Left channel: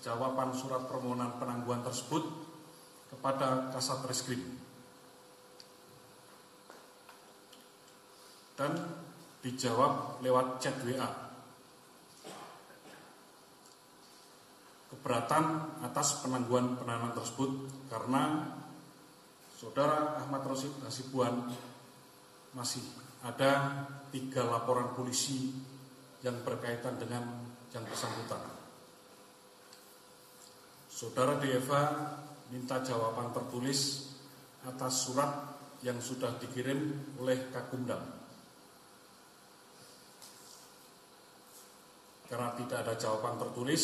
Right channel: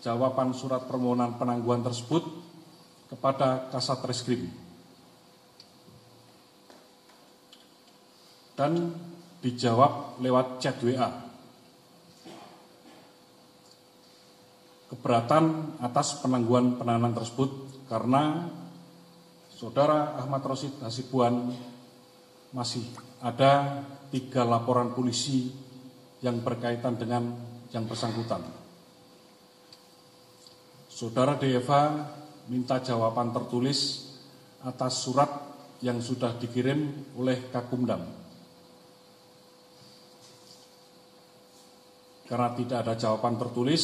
jawaban surat permohonan penangguhan tersebut kepada Kasat Reskrim dan dijawab lewat chat WA. Keberatan atas penangguhan penahanan tersebut karena Saudara Ahmad Rosyid Hasibuan masih ada 3 laporan polisi yang berkaitan dengan yang bersangkutan. Saudara DFA minta jawaban tertulis atas surat yang sudah dikirim oleh Kakumdam. Karena tidak ada jawaban tertulis,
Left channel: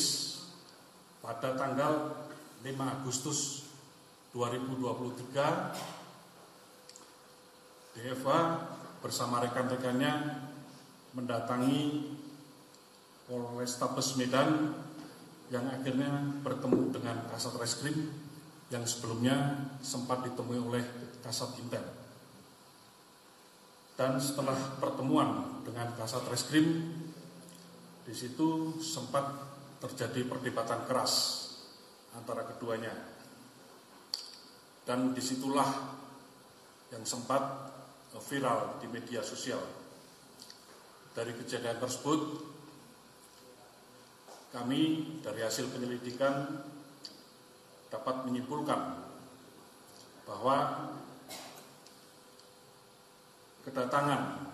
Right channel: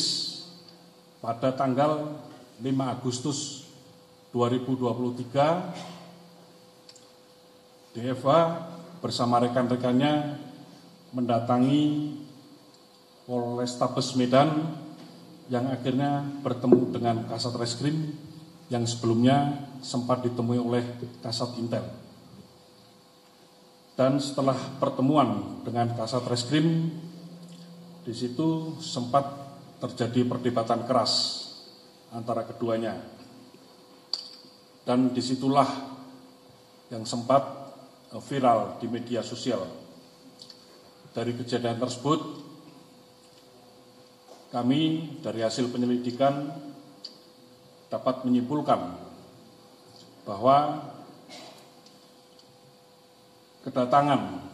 pada tanggal 5 Agustus 2023, DFA bersama rekan-rekannya mendatangi Polrestabes Medan yang akhirnya bertemu dengan Kasat Reskrim yang sebelumnya sempat ditemui oleh Kasat Intel. Dan setelah pertemuan dengan Kasat Reskrim, di situ sempat terjadi perdebatan keras antara keduanya. Dan disitulah yang sempat viral di media sosial. Dari kejadian tersebut, kami dari hasil penyelidikan dapat menyimpulkan bahwa kedatangan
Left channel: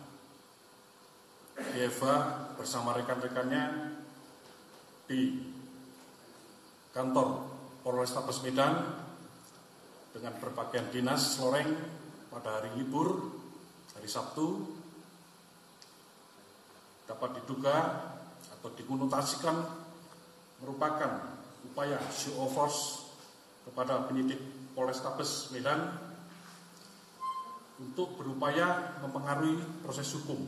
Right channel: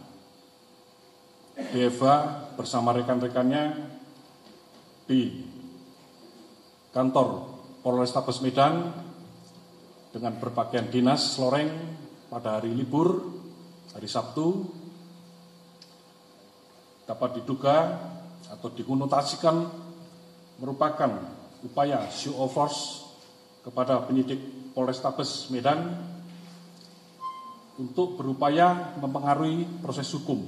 DFA bersama rekan-rekannya di kantor Polrestabes Medan dengan berpakaian dinas loreng pada hari libur, hari Sabtu, dapat diduga atau dikonotasikan merupakan upaya show of force kepada penyidik Polrestabes Medan untuk berupaya mempengaruhi proses hukum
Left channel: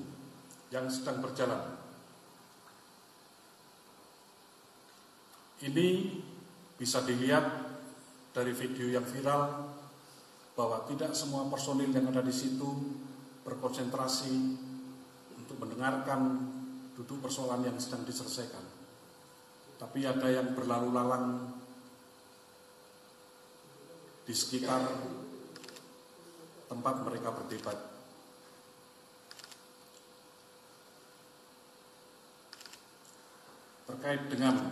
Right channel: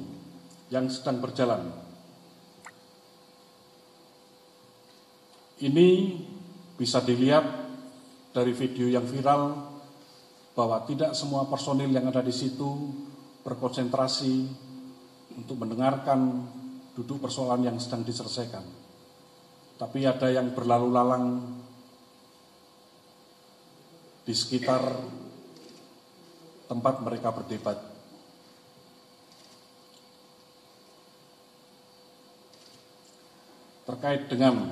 yang sedang berjalan. Ini bisa dilihat dari video yang viral bahwa tidak semua personil yang ada di situ berkonsentrasi untuk mendengarkan duduk persoalan yang sedang diselesaikan. Tapi ada yang berlalu lalang di sekitar tempat mereka berdebat. Terkait dengan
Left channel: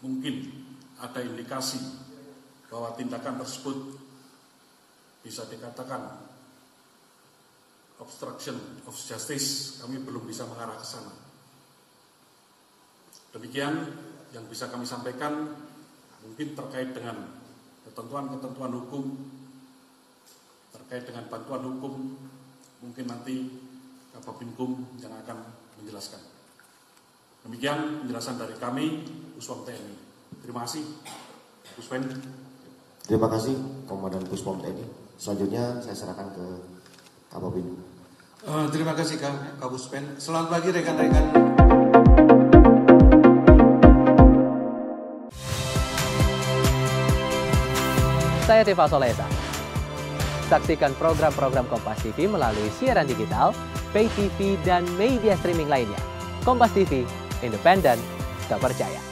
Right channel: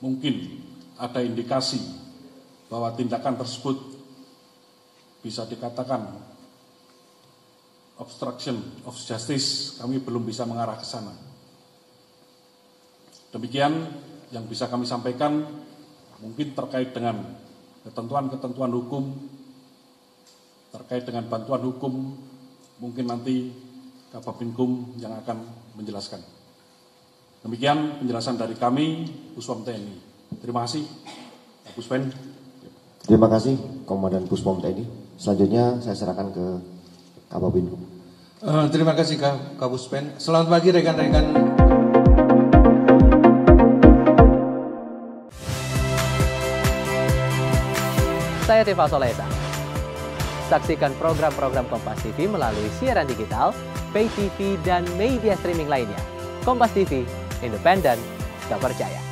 mungkin ada indikasi bahwa tindakan tersebut bisa dikatakan obstruction of justice, kami belum bisa mengarah ke sana. Demikian yang bisa kami sampaikan, mungkin terkait dengan ketentuan-ketentuan hukum, terkait dengan bantuan hukum, mungkin nanti Kababinkum yang akan menjelaskan. Demikian penjelasan dari kami, Puspom TNI. Terima kasih, Puspen. Terima kasih, Komandan Puspom TNI. Selanjutnya saya serahkan ke Kababinkum. Terima kasih, Kapuspen. Selamat pagi, rekan-rekan. Saya Tifa Solesa. Saksikan program-program Kompas TV melalui siaran digital, pay TV, dan media streaming lainnya. Kompas TV, independen, terpercaya.